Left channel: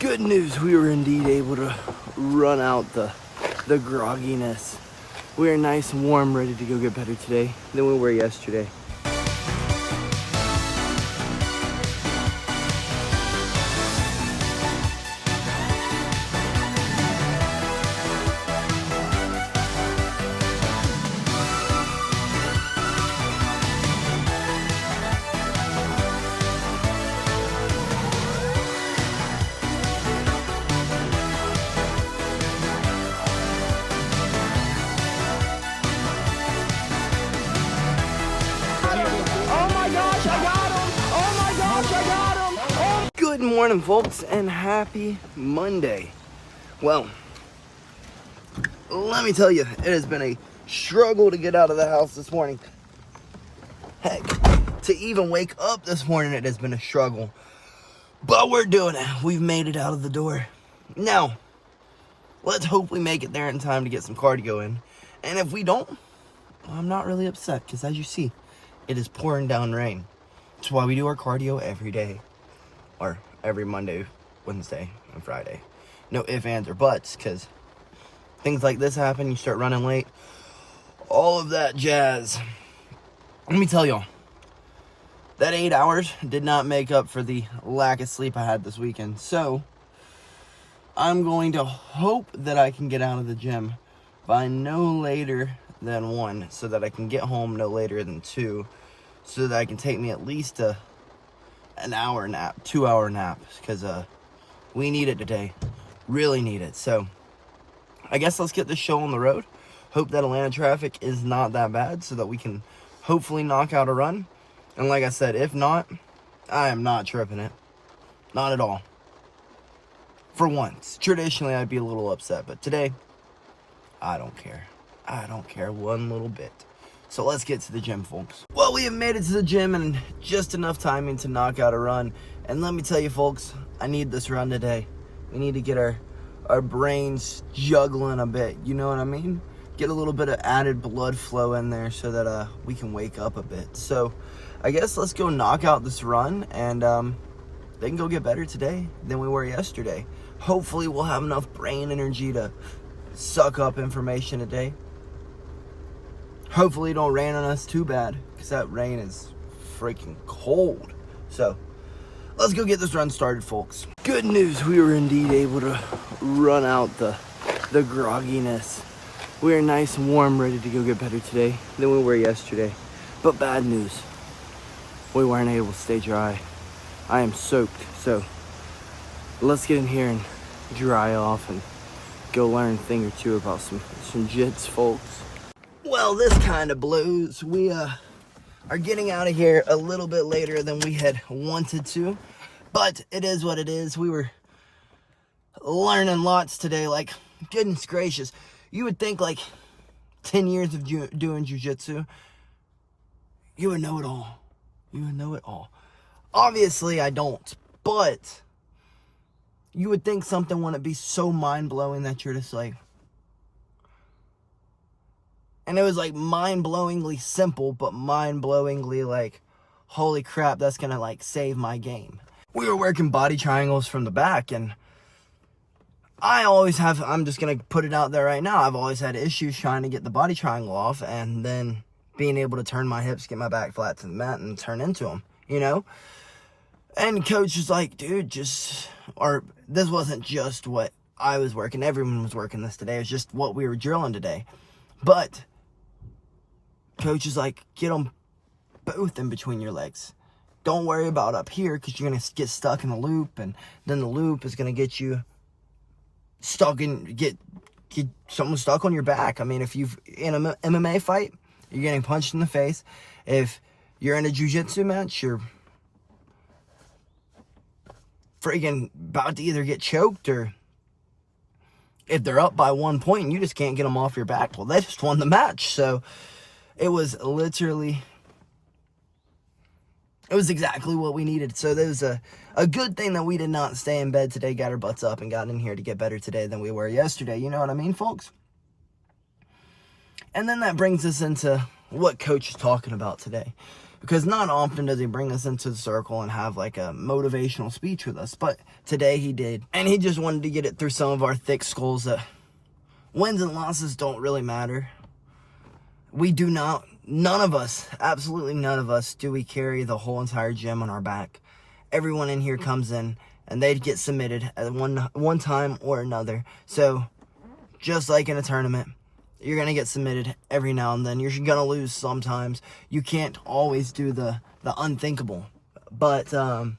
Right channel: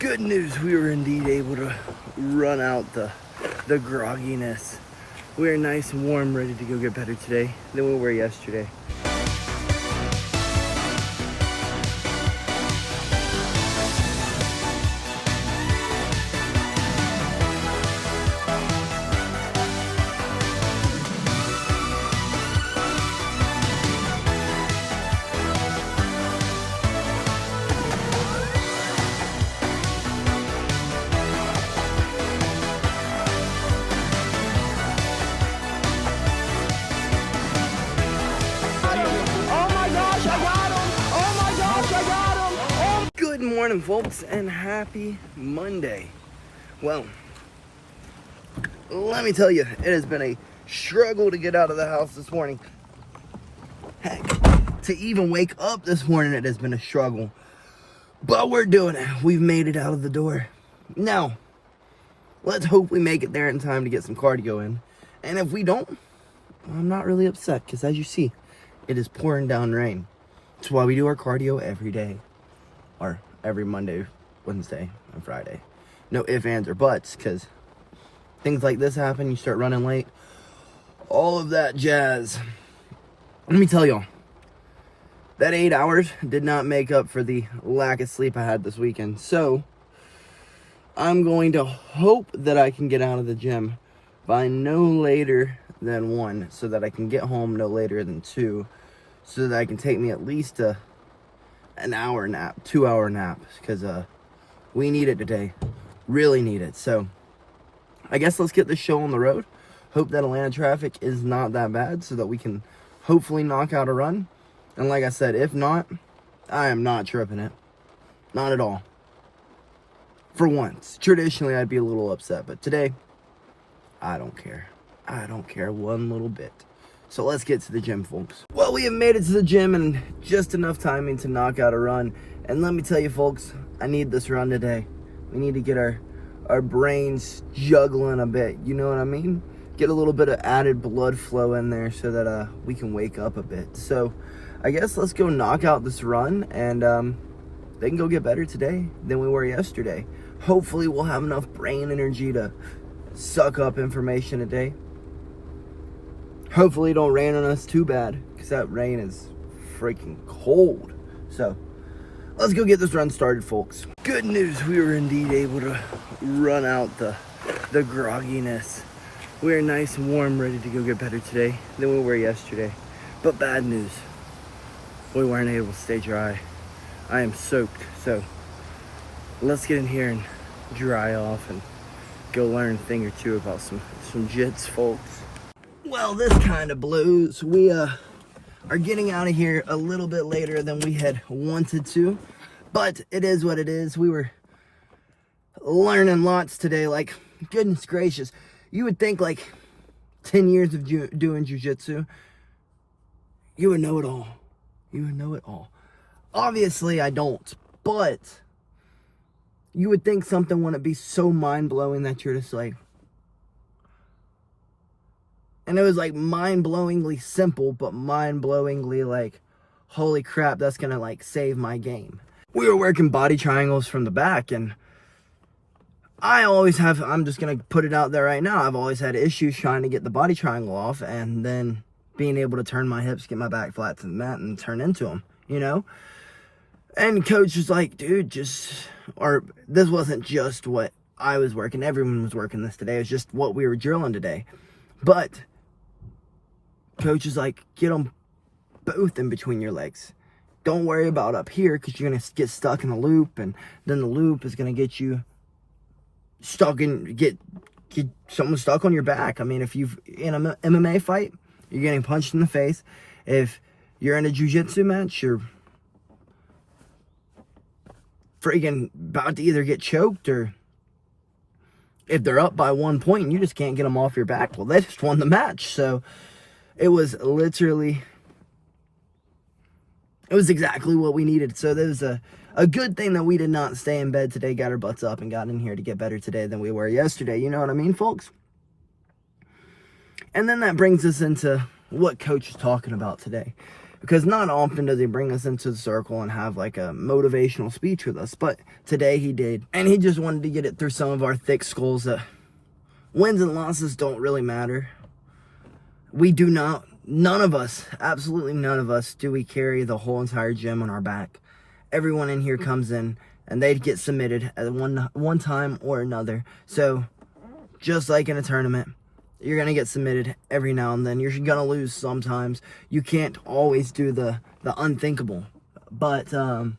Good news, we were indeed able to run out the grogginess. We are nice and warm, ready to go get better today than we were yesterday. Good morning, folks, and happy Monday. Well, let me tell you, it has been a struggle to get out of the house this morning. Heck, to even wake up this morning, it has been a struggle. But we're doing it. We've made it out of the door. Now, let's hope we make it there in time to get some cardio in. And if we don't, I'm not really upset, because as you see, it is pouring down rain. That's why we do our cardio every day. Or every Monday, Wednesday, and Friday. No ifs, ands, or buts, because things like this happen, you start running late. All of that jazz. Let me tell y'all, that 8 hours did not make up for the lack of sleep I had this weekend. So, I'm going to hope that I can get out of the gym by no later than 1, so that I can get home no later than 2, so that I can take me at least an hour nap, 2-hour nap, because we need it today, really need it. So I guess let's get this show on the road. Hope that Atlanta traffic is not that bad, so that we can hopefully knock out a run. And like I said, if not, I am not tripping it, not at all. For once, traditionally I'd be a little upset, but today I don't care. I don't care one little bit. So let's get to the gym, folks. Well, we have made it to the gym in just enough timing to knock out a run. And let me tell you, folks, I need this run today. We need to get our brains juggling a bit, you know what I mean? Get a little bit of added blood flow in there so that we can wake up a bit. So I guess let's go knock out this run, and they can go get better today than we were yesterday. Hopefully we'll have enough brain energy to suck up information today. Hopefully it don't rain on us too bad, because that rain is freaking cold. So, let's go get this run started, folks. Good news, we were indeed able to run out the grogginess. We are nice and warm, ready to go get better today than we were yesterday. But bad news, we weren't able to stay dry. I am soaked, so let's get in here and dry off and go learn a thing or two about some jits, folks. Well, this kind of blows. We are getting out of here a little bit later than we had wanted to, but it is what it is. We were learning lots today. Like, goodness gracious, you would think like 10 years of doing jiu-jitsu, you would know it all. You would know it all. Obviously, I don't, but you would think something wouldn't be so mind-blowing that you're just like, and it was like mind-blowingly simple, but mind-blowingly like, holy crap, that's gonna like save my game. We were working body triangles from the back, and I always have, I'm just gonna put it out there right now, I've always had issues trying to get the body triangle off and then being able to turn my hips, get my back flat to the mat and turn into them, you know? And coach was like, dude, this wasn't just what I was working, everyone was working this today, it was just what we were drilling today. But coach is like, get them both in between your legs. Don't worry about up here, because you're going to get stuck in the loop, and then the loop is going to get you stuck in, get someone stuck on your back. I mean, if you've in an MMA fight, you're getting punched in the face. If you're in a jiu-jitsu match, you're freaking about to either get choked, or if they're up by 1 point and you just can't get them off your back, well, they just won the match. So it was literally, it was exactly what we needed. So there was a good thing that we did not stay in bed today, got our butts up and got in here to get better today than we were yesterday. You know what I mean, folks? And then that brings us into what coach is talking about today. because not often does he bring us into the circle and have like a motivational speech with us, but today he did. And he just wanted to get it through some of our thick skulls that wins and losses don't really matter. We do not, none of us, absolutely none of us, do we carry the whole entire gym on our back. Everyone in here comes in and they get submitted at one time or another. So just like in a tournament, you're going to get submitted every now and then. You're going to lose sometimes. You can't always do the unthinkable. But, and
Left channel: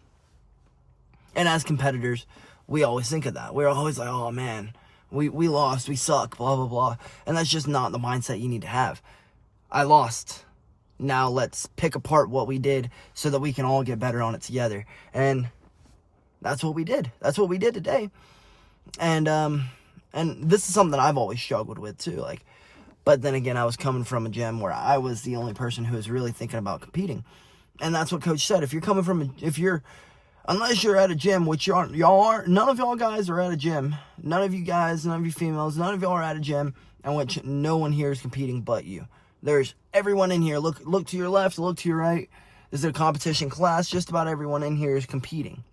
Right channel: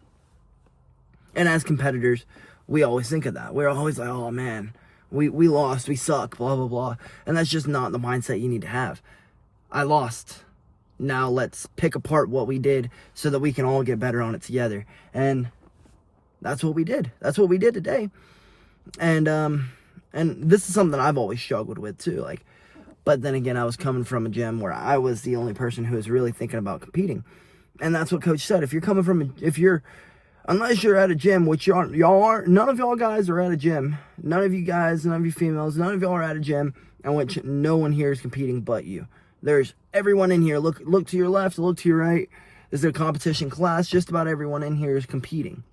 as competitors, we always think of that. We're always like, oh man, we lost, we suck, blah, blah, blah. And that's just not the mindset you need to have. I lost. Now let's pick apart what we did so that we can all get better on it together. And that's what we did. That's what we did today. And this is something I've always struggled with too. Like, but then again, I was coming from a gym where I was the only person who was really thinking about competing. And that's what Coach said. If you're coming from, unless you're at a gym, which y'all are, none of y'all guys are at a gym. None of you guys, none of you females, none of y'all are at a gym in which no one here is competing but you. There's everyone in here. Look to your left, look to your right. This is a competition class. Just about everyone in here is competing.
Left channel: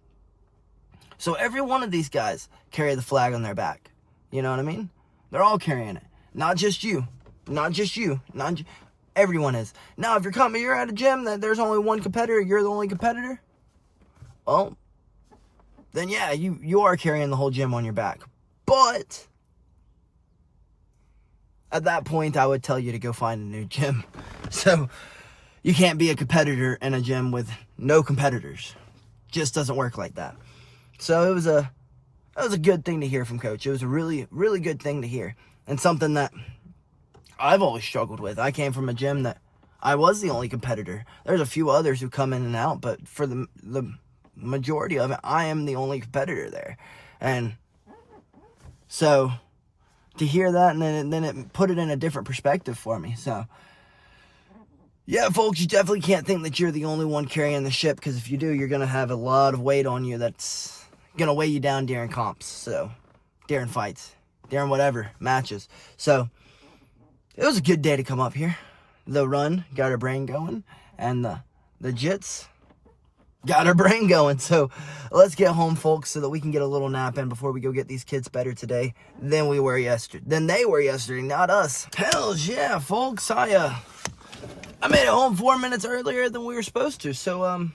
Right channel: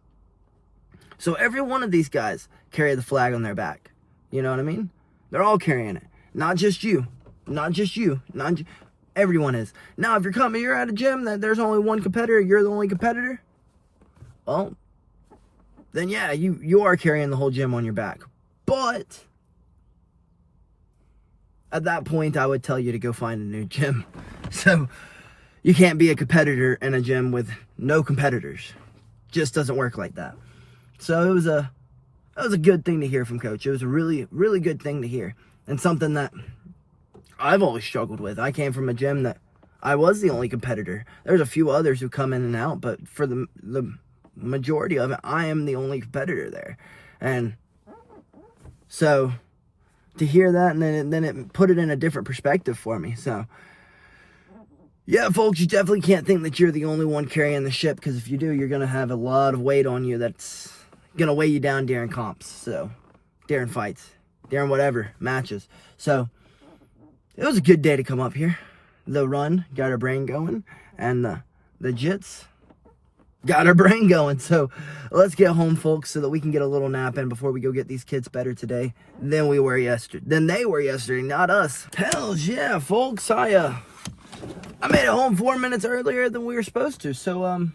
So every one of these guys carry the flag on their back. You know what I mean? They're all carrying it. Not just you. Not just you. Everyone is. Now, if you're at a gym that there's only one competitor, you're the only competitor, well, then yeah, you are carrying the whole gym on your back. But at that point, I would tell you to go find a new gym. So you can't be a competitor in a gym with no competitors. Just doesn't work like that. So that was a good thing to hear from Coach. It was a really, really good thing to hear. And something that I've always struggled with. I came from a gym that I was the only competitor. There's a few others who come in and out, but for the majority of it, I am the only competitor there. And so to hear that, and then it put it in a different perspective for me. So yeah, folks, you definitely can't think that you're the only one carrying the ship, because if you do, you're going to have a lot of weight on you that's going to weigh you down during comps, so during fights, during whatever matches. So it was a good day to come up here. The run got our brain going, and the jits got our brain going. So let's get home, folks, so that we can get a little nap in before we go get these kids better today than they were yesterday, not us. Hells yeah, folks. I made it home 4 minutes earlier than we were supposed to. So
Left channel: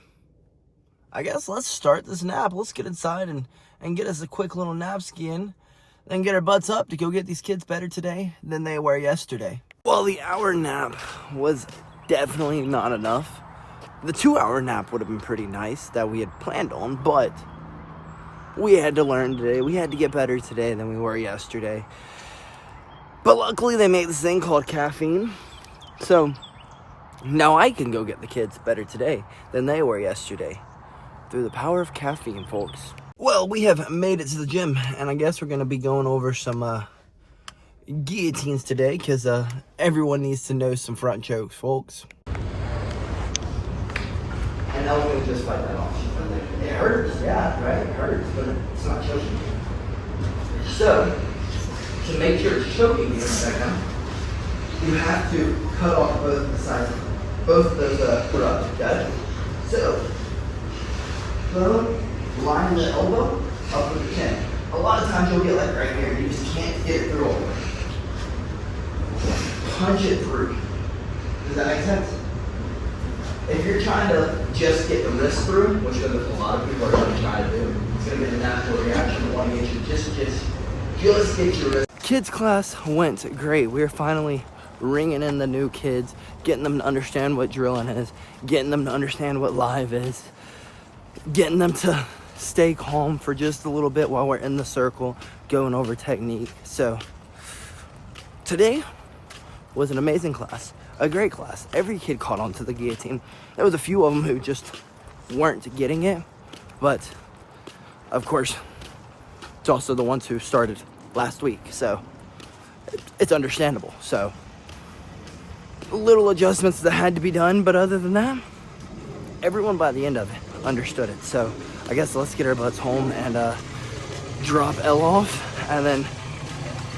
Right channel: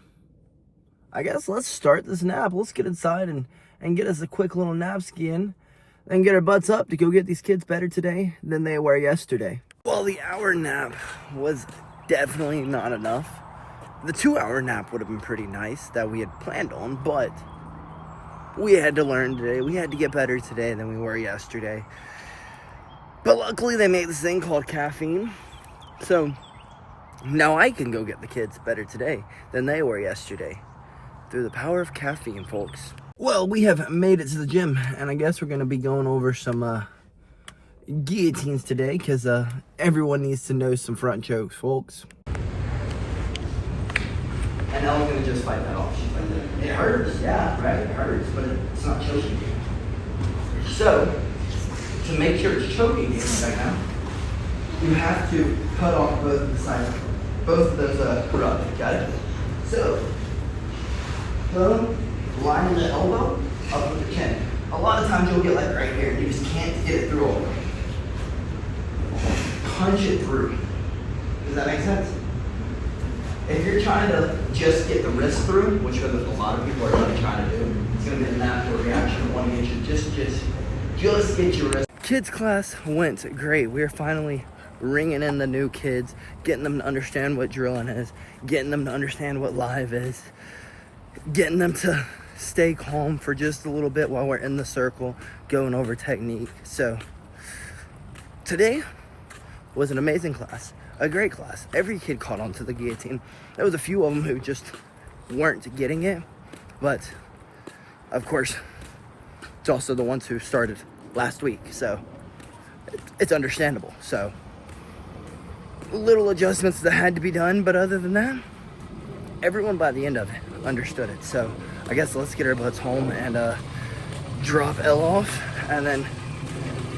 I guess let's start this nap. Let's get inside and get us a quick little nap skiing. Then get our butts up to go get these kids better today than they were yesterday. Well, the hour nap was definitely not enough. The 2-hour nap would have been pretty nice that we had planned on, but we had to learn today. We had to get better today than we were yesterday. But luckily they made this thing called caffeine. So now I can go get the kids better today than they were yesterday. Through the power of caffeine, folks. Well, we have made it to the gym, and I guess we're going to be going over some guillotines today, because everyone needs to know some front chokes, folks. And now I'm going to just fight that off. It hurts, yeah, right? It hurts, but it's not choking. So, to make sure it's choking you in a second, you have to cut off both of the sides, both of those products, okay? So, line the elbow up with the chin. A lot of times you'll get like right here, you just can't get it through all the way. Punch it through. Does that make sense? If you're trying to just get the wrist through, which a lot of people are going to try to do, it's going to be the natural reaction. You want to get you just get your wrist. Kids class went great. We're finally ringing in the new kids, getting them to understand what drilling is, getting them to understand what live is, getting them to stay calm for just a little bit while we're in the circle going over technique. So today was an amazing class, a great class. Every kid caught on to the guillotine. There was a few of them who just weren't getting it, but of course it's also the ones who started last week, so it's understandable. So little adjustments that had to be done, but other than that, everyone by the end of it understood it. So I guess let's get our butts home and drop L off, and then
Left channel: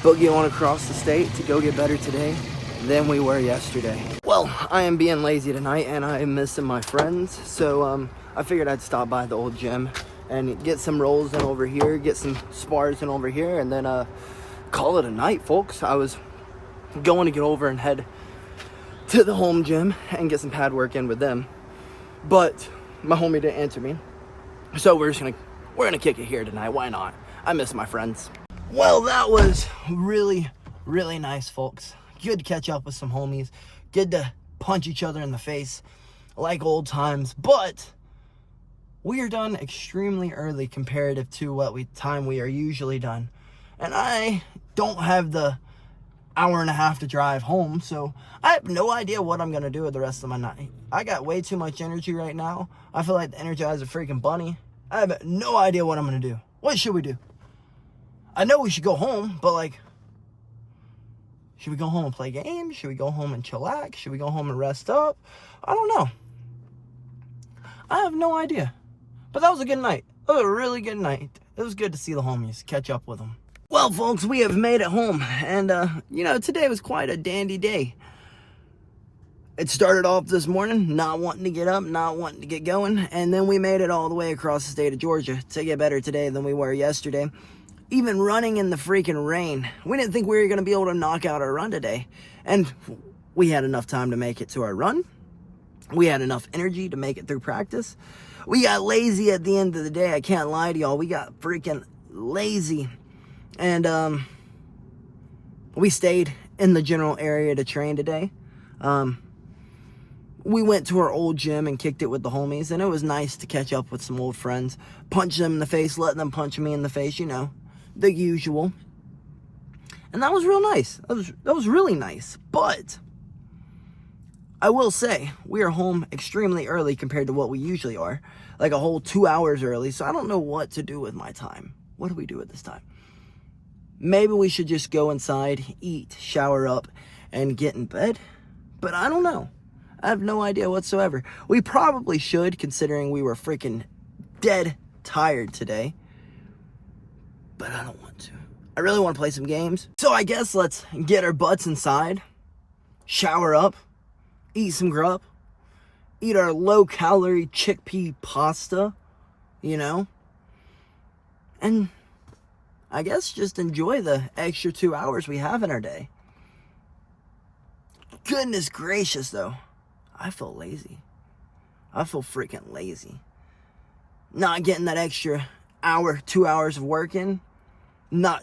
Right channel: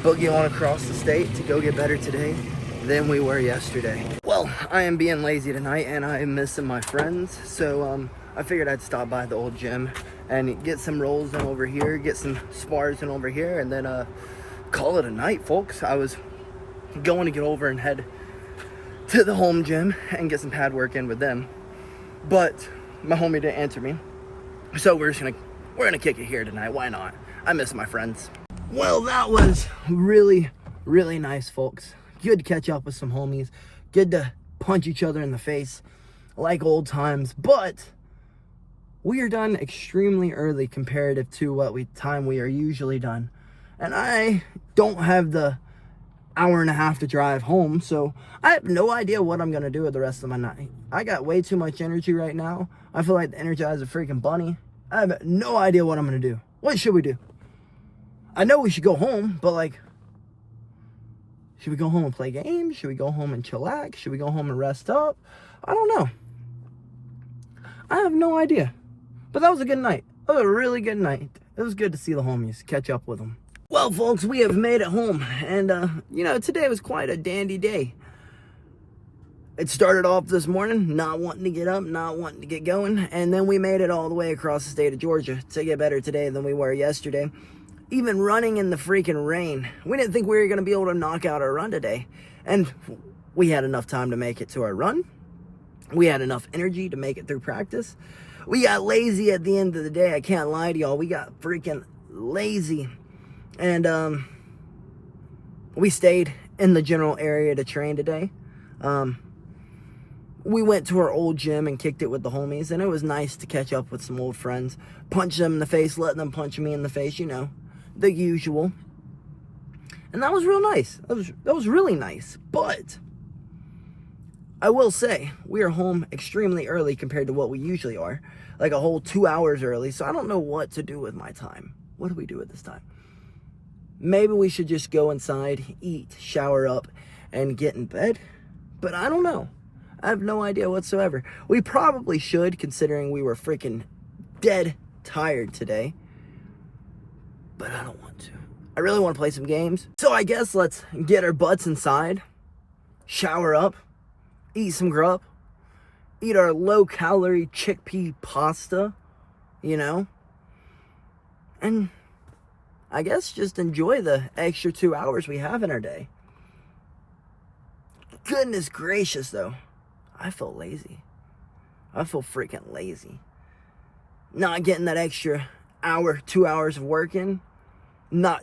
boogie on across the state to go get better today than we were yesterday. Well, Well, I am being lazy tonight and I am missing my friends. So I figured I'd stop by the old gym and get some rolls in over here, get some spars in over here, and then call it a night, folks. I was going to get over and head to the home gym and get some pad work in with them, but my homie didn't answer me. So we're gonna kick it here tonight. Why not? I miss my friends. Well, that was really, really nice, folks. Good to catch up with some homies. Good to punch each other in the face like old times. But we are done extremely early comparative to what time we are usually done. And I don't have the hour and a half to drive home, so I have no idea what I'm gonna do with the rest of my night. I got way too much energy right now. I feel like the Energizer freaking bunny. I have no idea what I'm gonna do. What should we do? I know we should go home, but like, should we go home and play games? Should we go home and chillax? Should we go home and rest up? I don't know. I have no idea. But that was a good night. It was a really good night. It was good to see the homies, catch up with them. Well, folks, we have made it home. And, you know, today was quite a dandy day. It started off this morning, not wanting to get up, not wanting to get going. And then we made it all the way across the state of Georgia to get better today than we were yesterday. Even running in the freaking rain. We didn't think we were going to be able to knock out our run today. And we had enough time to make it to our run. We had enough energy to make it through practice. We got lazy at the end of the day. I can't lie to y'all. We got freaking lazy. And we stayed in the general area to train today. We went to our old gym and kicked it with the homies. And it was nice to catch up with some old friends. Punch them in the face, let them punch me in the face, you know. The usual. And that was real nice. That was really nice. But I will say, we are home extremely early compared to what we usually are. Like a whole 2 hours early. So I don't know what to do with my time. What do we do at this time? Maybe we should just go inside, eat, shower up, and get in bed. But I don't know. I have no idea whatsoever. We probably should, considering we were freaking dead tired today. But I don't want to. I really want to play some games. So I guess let's get our butts inside, shower up, eat some grub, eat our low-calorie chickpea pasta, you know, and I guess just enjoy the extra 2 hours we have in our day. Goodness gracious, though. I feel lazy. I feel freaking lazy. Not getting that extra hour, 2 hours of work in, not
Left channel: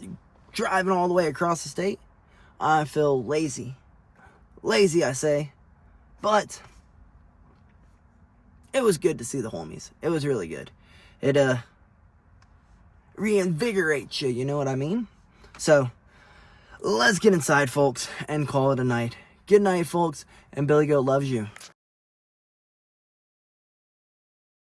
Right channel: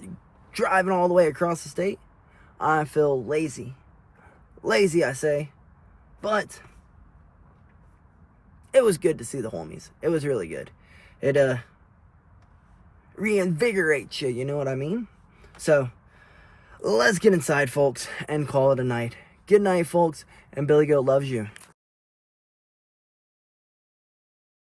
driving all the way across the state. I feel lazy. Lazy, I say. But it was good to see the homies. It was really good. It reinvigorates you, you know what I mean? So let's get inside, folks, and call it a night. Good night, folks, and BillyGoat loves you.